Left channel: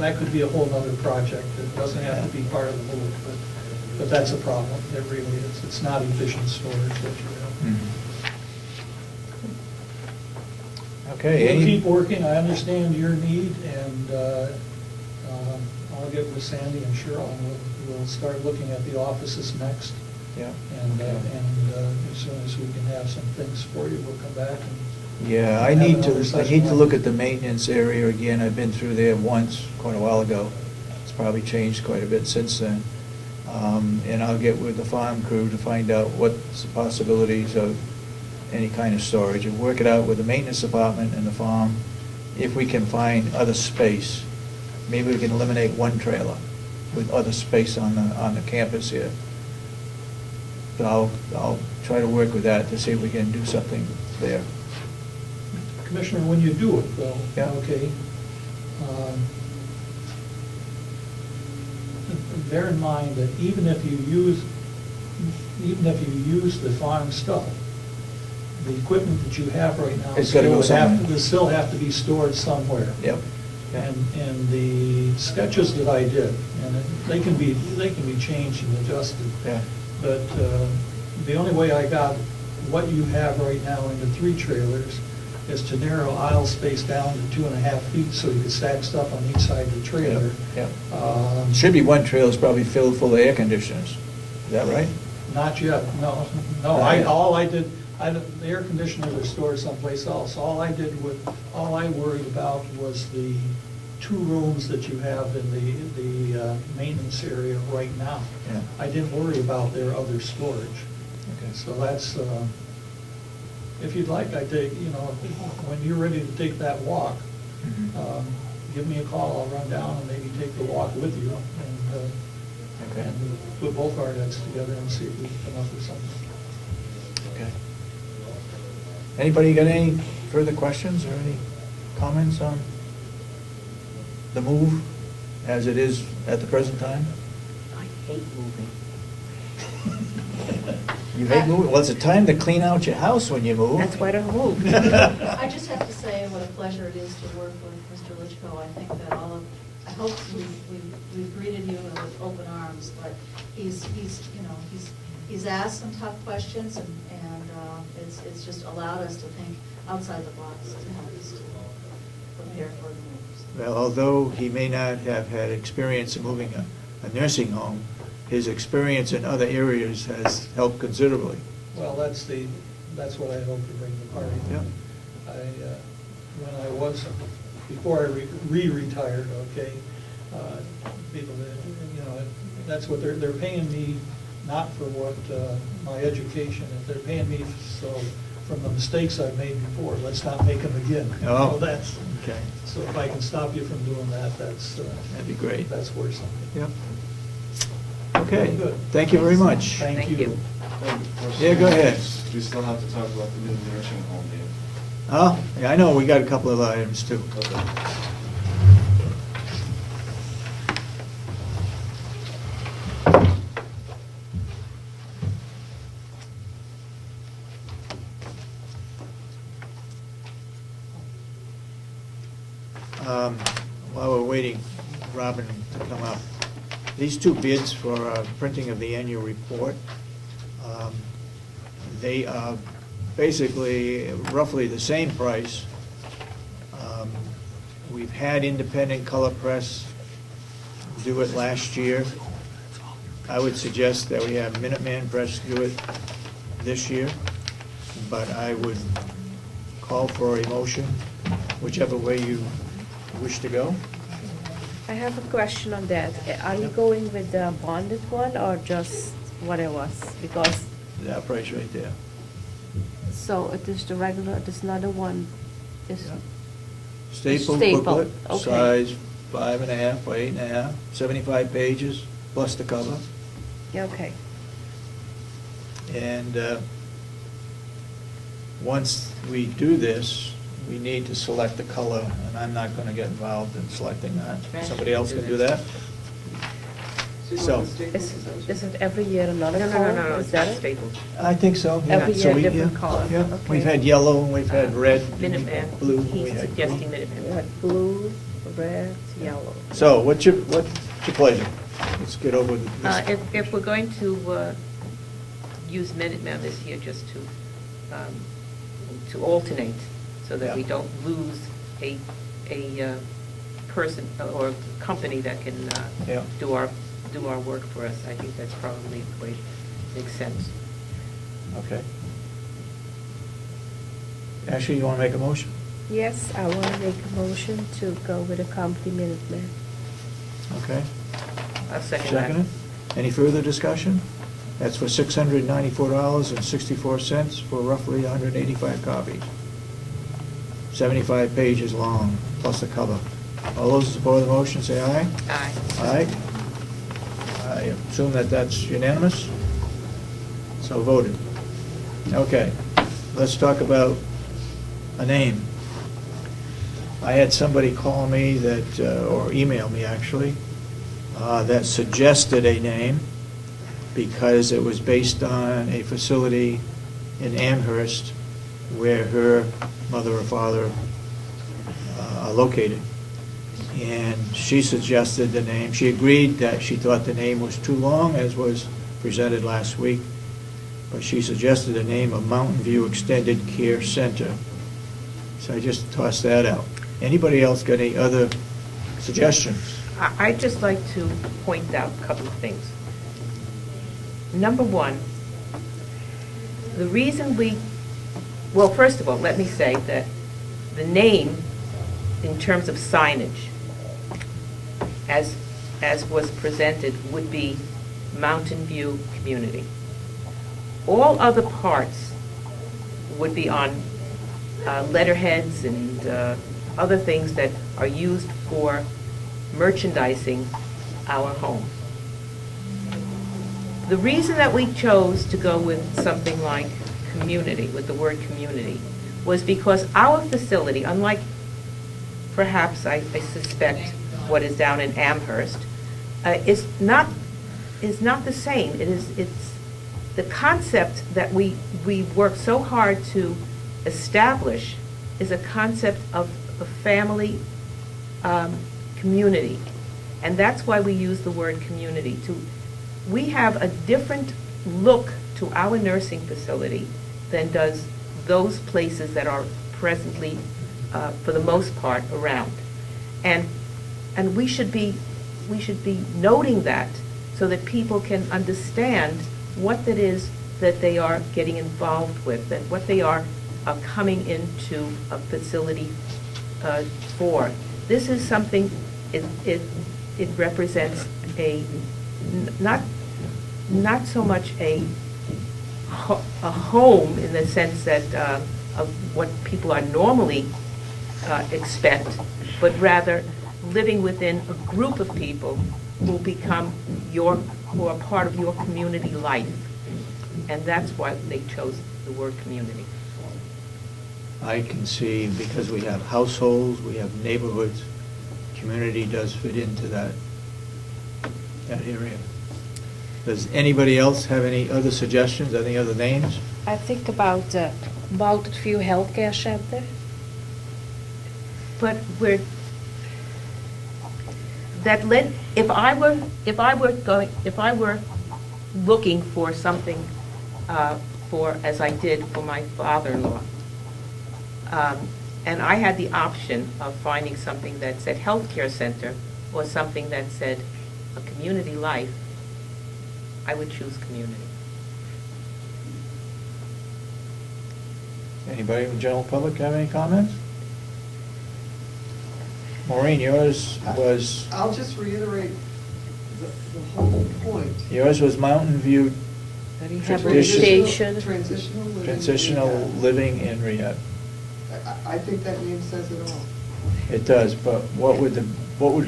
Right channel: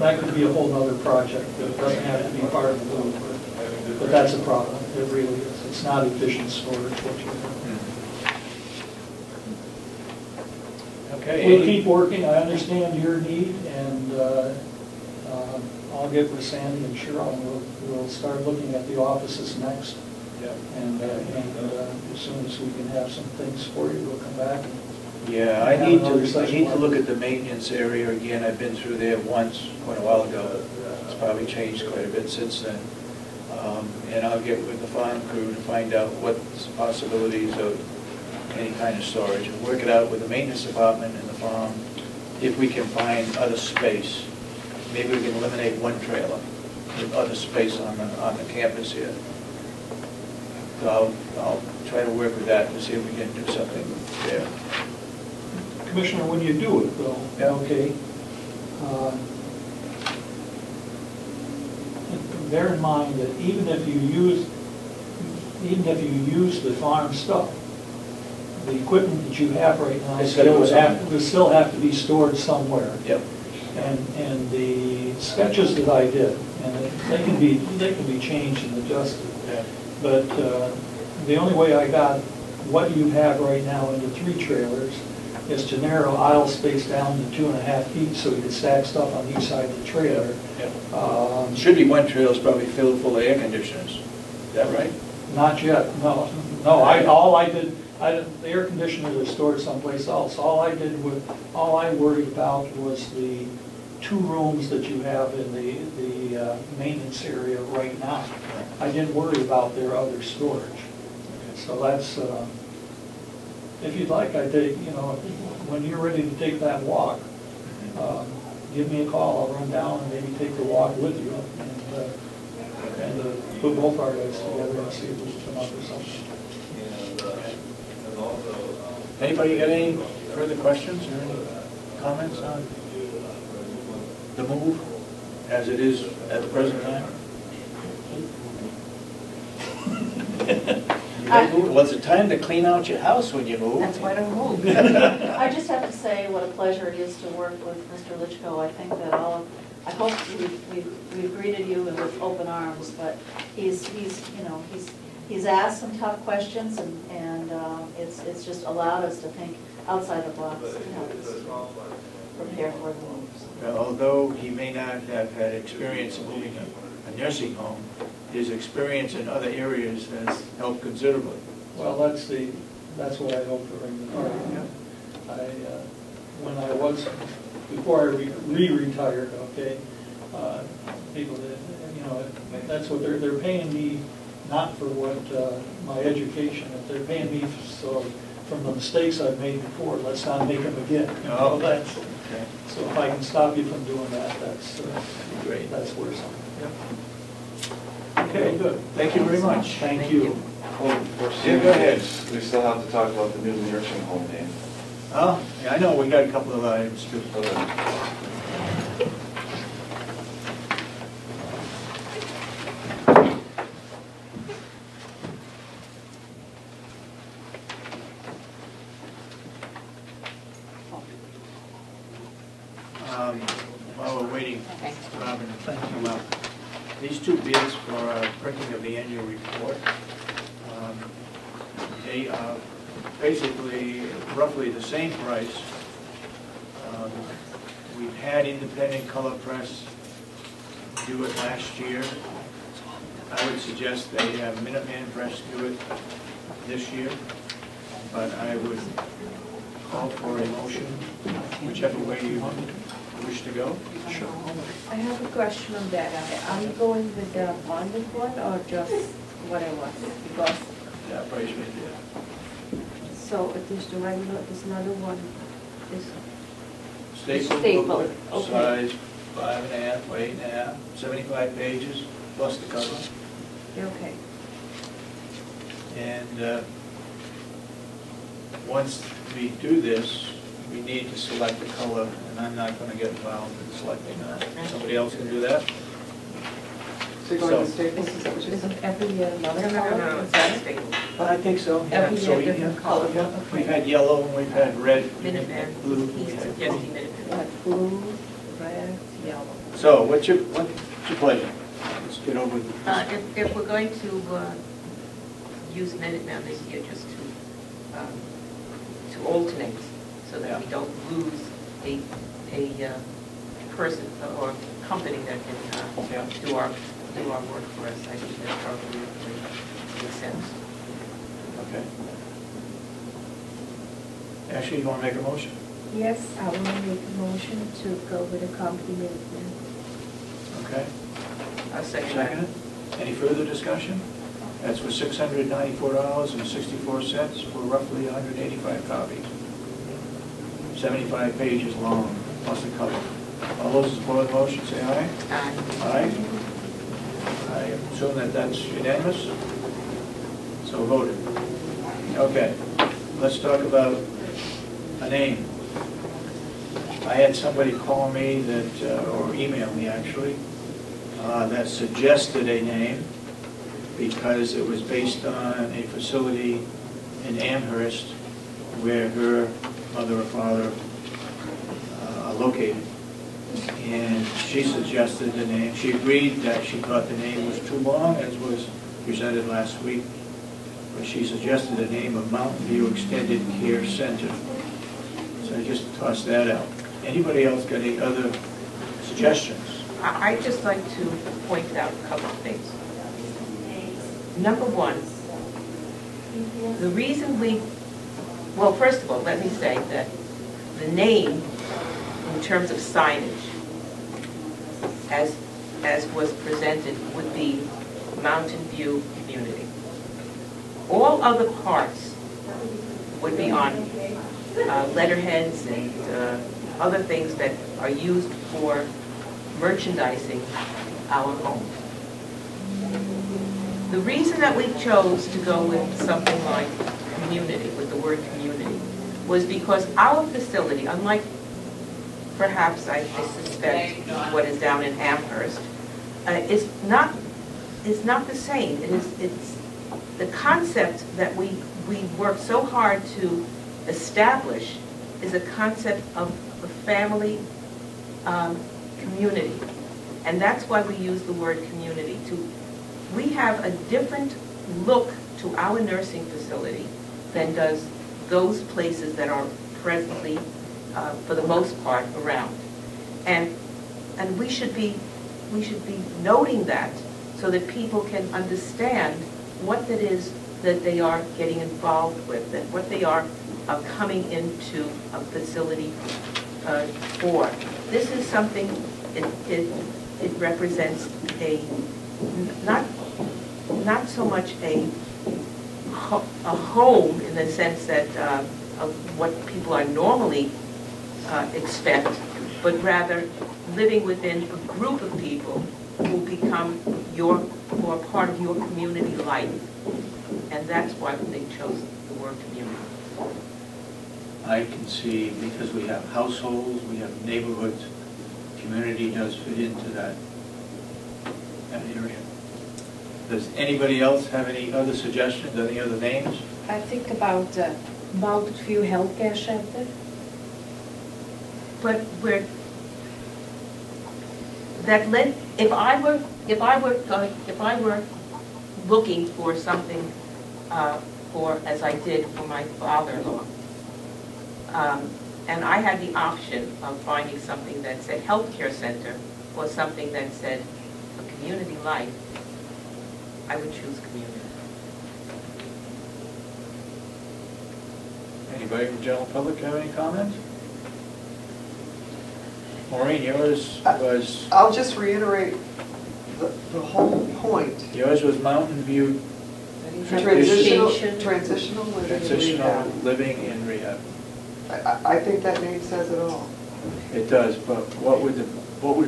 That could be a whole other project. It doesn't have to be part of the loop. But that's a problem. It really is. It's not efficient storage. Okay. We'll keep working. I understand your need, and I'll get with Sandy and Cheryl, and we'll start looking at the offices next. Yeah. And as soon as we can have some things for you, we'll come back. Yeah, I need to look at the maintenance area again. I've been through there once, quite a while ago. It's probably changed quite a bit since then. And I'll get with the farm crew to find out what's the possibilities of any kind of storage, and work it out with the maintenance department and the farm. If we can find other space, maybe we can eliminate one trailer with other space on the campus here. But I'll try to work with that to see if we can do something there. Commissioner, when you do it, though, yeah. Okay, bear in mind that even if you use the farm stuff, the equipment that you have right now will still have to be stored somewhere. Yep. And the sketches that I did, and they can be changed and adjusted. Yeah. But the only way I got what you have right now into 3 trailers is to narrow aisle space down to 2.5 feet so you can stack stuff on each side of the trailer. Yeah. Should be one trailer is probably filled full of air conditioners. Is that right? Not yet. No. All I did, the air conditioners are stored someplace else. All I worried about was the 2 rooms that you have in the maintenance area right now. Yeah. I didn't worry about their other storage. Okay. So that's, if you'd like, when you're ready to take that walk, give me a call. I'll run down and maybe take the walk with you, and put both our heads together and see if we can come up with something. Okay. Anybody got any further questions or any comments on the move as it is at the present time? Well, it's a time to clean out your house when you move. That's why I don't move. I just have to say what a pleasure it is to work with Mr. Litchko. I think that I hope we've greeted you with open arms, but he's asked some tough questions, and it's just allowed us to think outside the box to help us to prepare for the moves. Well, although he may not have had experience in moving a nursing home, his experience in other areas has helped considerably. Well, that's what I hope to bring to the party. Yeah. When I was, before I re-retired, okay, people that, that's what they're paying me, not for what my education. If they're paying me from the mistakes I've made before, let's not make them again. Oh, so that's okay. So if I can stop you from doing that, that'd be great. That's worth something. Yeah. Okay, good. Thank you very much. Thank you. Yeah, go ahead. We still have to talk about the new nursing home name. Oh, yeah, I know. We got a couple of items too. While we're waiting, Robin, to come up. These 2 bids for printing of the annual report, they are basically roughly the same price. We've had Independent Color Press do it last year. I would suggest they have Minuteman Press do it this year, but I would call for a motion, whichever way you wish to go. Sure. I have a question on that. Are you going with the bonded one or just whatever? Because that price right there. So it is the regular, this another one is Staple booklet, okay. Size 5.5 by 8.5, 75 pages, plus the cover. Yeah, okay. And once we do this, we need to select the color, and I'm not going to get involved in selecting that. Somebody else can do that. So, is it every year another No, color? it's not Staple. I think so. Yeah. Every So year different color. Yeah. Okay. We've had yellow, and we've had red, Minuteman. blue. He's suggesting Minuteman. We have blue, red, yellow. So what's your pleasure? Let's get over this. If we're going to use Minuteman this year, just to alternate, so that we Yeah. don't lose a person or company that can Yeah. do our work for us, I think that probably makes sense. Okay. Ashley, you want to make a motion? Yes, I will make a motion to go with a company Minuteman. Okay. I'll second Second. Any further discussion? That's for $694.64 for roughly 185 copies. 75 pages long, plus the cover. All those in support of the motion, say aye. Aye. Aye. I assume that that's unanimous? So voted. Okay, let's talk about a name. I had somebody call me that, or email me actually, that suggested a name because it was based on a facility in Amherst where her mother or father are located. And she suggested the name. She agreed that she thought the name was too long, as was presented last week, but she suggested the name of Mountain View Extended Care Center. So I just tossed that out. Anybody else got any other suggestions? I'd just like to point out a couple of things. Number one, the reason well, first of all, let me say that the name, in terms of signage, as was presented, would be Mountain View Community. All other parts would be on letterheads and other things that are used for merchandising our home. The reason that we chose to go with something like community, with the word community, was because our facility, unlike perhaps I suspect what is down in Amherst, is not the same. It's the concept that we work so hard to establish is a concept of a family community, and that's why we use the word community. We have a different look to our nursing facility than does those places that are presently, for the most part, around. And we should be noting that so that people can understand what it is that they are getting involved with, and what they are coming into a facility for. This is something, it represents not so much a home in the sense that of what people are normally expect, but rather living within a group of people who are part of your community life. And that's why they chose the word community. I can see, because we have households, we have neighborhoods, community does fit into that area. Does anybody else have any other suggestions, any other names? I think about Mountain View Healthcare Center. But if I were looking for something as I did for my father-in-law, and I had the option of finding something that said healthcare center or something that said a community life, I would choose community. Anybody from the general public have any comments? Maureen, yours was... I'll just reiterate the whole point. Yours was Mountain View Transitional living. Transitional and rehab. Living and Rehab. I think that name says it all. It does, but what would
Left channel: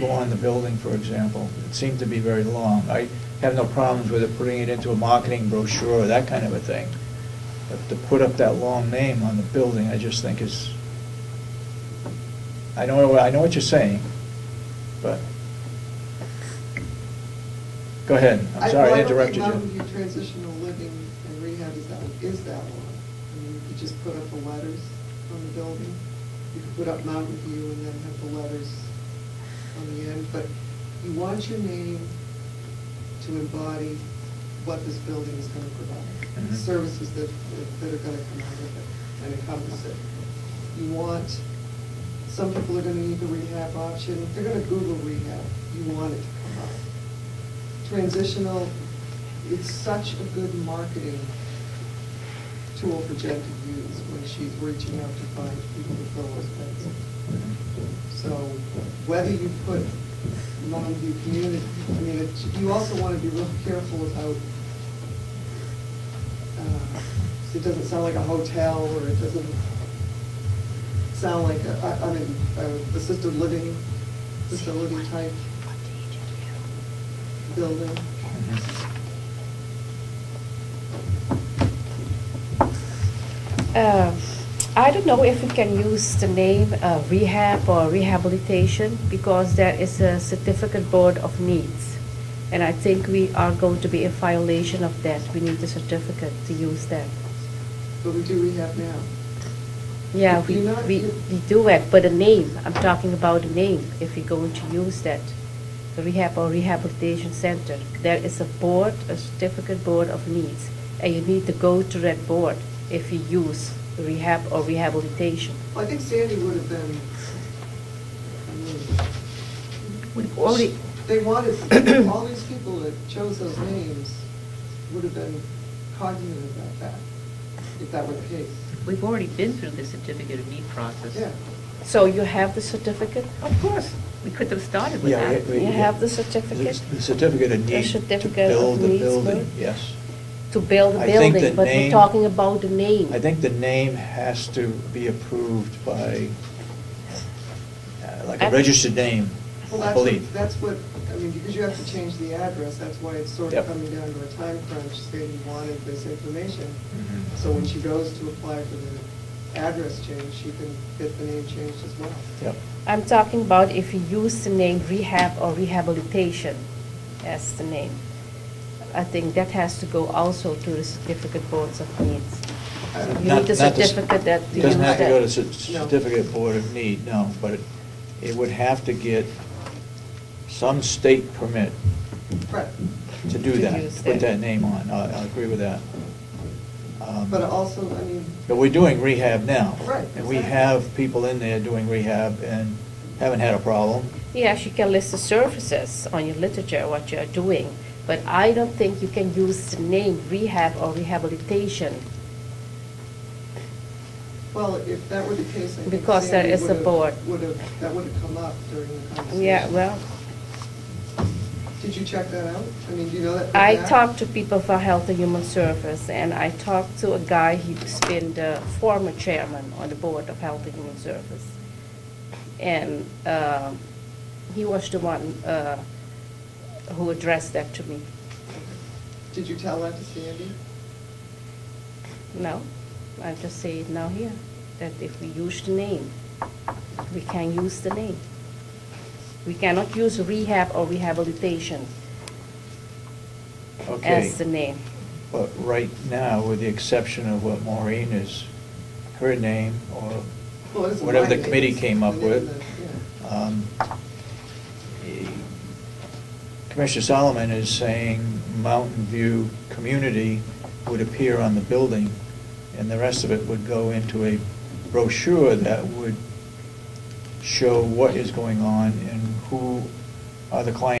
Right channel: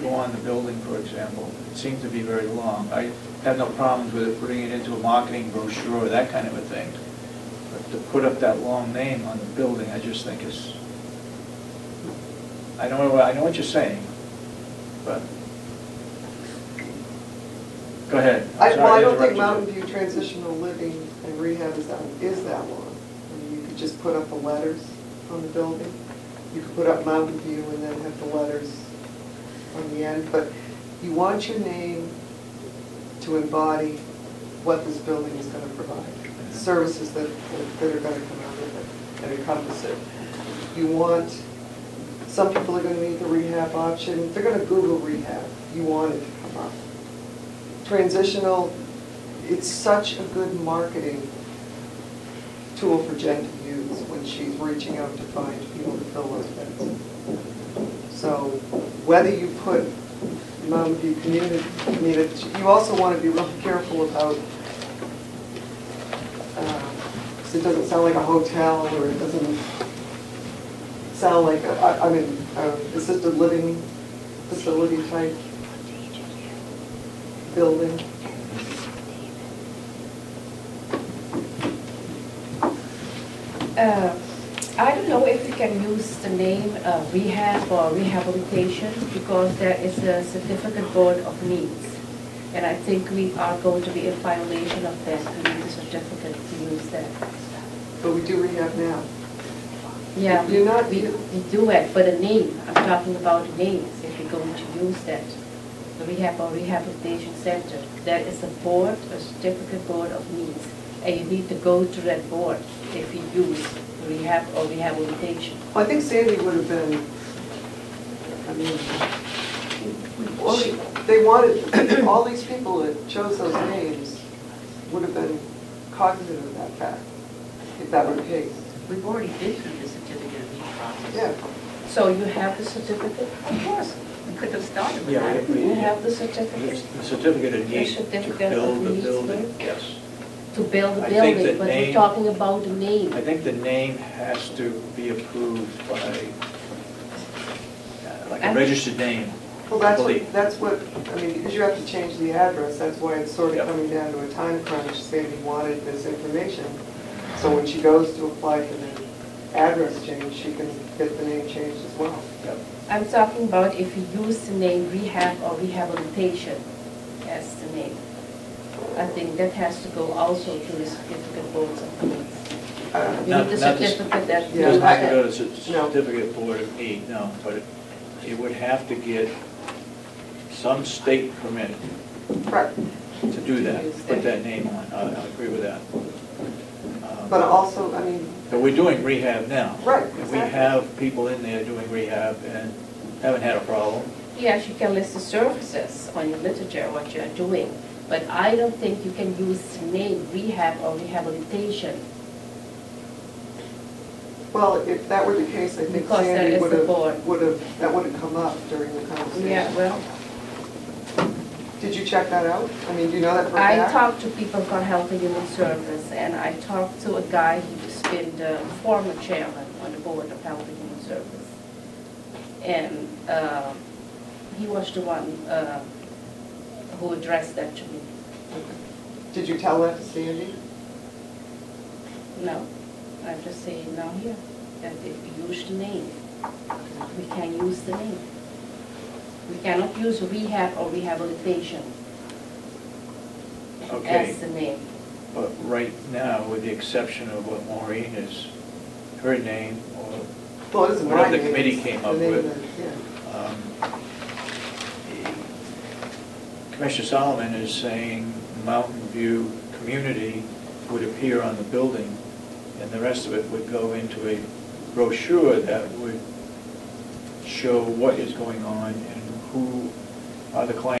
go on the building, for example? It seemed to be very long. I have no problems with it, putting it into a marketing brochure or that kind of a thing. But to put up that long name on the building, I just think is... I know what you're saying, but... Go ahead. I'm sorry, I don't interrupted think you. Mountain View Transitional Living and Rehab is that long. I mean, you could just put up the letters on the building. You could put up Mountain View and then have the letters on the end, but you want your name to embody what this building is going to provide, Mhm. services that are going to come out of it and encompass it. You want, some people are going to need the rehab option, they're going to Google rehab, you want it to come up. Transitional, it's such a good marketing tool for Jen to use when she's reaching out to find people to fill those beds. So whether you put Mountain View community, you also want to be real careful about, so it doesn't sound like a hotel, or it doesn't sound like, assisted living facility type building. I don't know if we can use the name rehab or rehabilitation, because there is a certificate board of needs. And I think we are going to be in violation of that. We need a certificate to use that. But we do rehab now. Yeah, You're not- we do it, but the name, I'm talking about the name, if you're going to use that. The rehab or rehabilitation center, there is a board, a certificate board of needs, and you need to go to that board if you use rehab or rehabilitation. Well, I think Sandy would have been, I mean, they wanted, all these people that chose those names would have been cognizant of that fact, if that were the case. We've already been through the certificate of need process. Yeah. So you have the certificate? Of course, we could have started with Yeah, that. You have the certificate The certificate of The need to certificate build of the needs, building, right? yes. to build the I think building, the but we're name- talking about the name. I think the name has to be approved by, like I a think- registered name, Well, I believe. that's what, I mean, because you have to change the address, that's why it's sort Yep. of coming down to a time crunch. Sandy wanted this information, Mhm. so when she goes to apply for the address change, she can get the name changed as well. Yep. I'm talking about if you use the name rehab or rehabilitation as the name. I think that has to go also to the certificate boards of needs. You Not- need the not the- certificate that. It doesn't have to go to No. certificate board of need, no, but it would have to get some state permit Correct. to do that, Use put that. that name on, I agree with that. But also, I mean, But we're doing rehab now. Right, And we exactly. have people in there doing rehab and haven't had a problem. Yes, you can list the services on your literature, what you're doing, but I don't think you can use the name rehab or rehabilitation. well, if that were the case, I think Because that Sandy is the board. that would have come up during the conversation. Yeah, well, Did you check that out? I mean, do you know that? for a I fact? talked to people from Health and Human Service, and I talked to a guy, he's been the former chairman on the board of Health and Human Service. And he was the one who addressed that to me. Okay. Did you tell that to Sandy? No, I just say no here, that if we use the name, we can use the name. We cannot use rehab or rehabilitation Okay. as the name. But right now, with the exception of what Maureen is, her name, or Well, it isn't whatever my the name, committee it's came the up name with. that- yeah. Commissioner Solomon is saying Mountain View Community would appear on the building, and the rest of it would go into a brochure that would show what is going on and who are the clients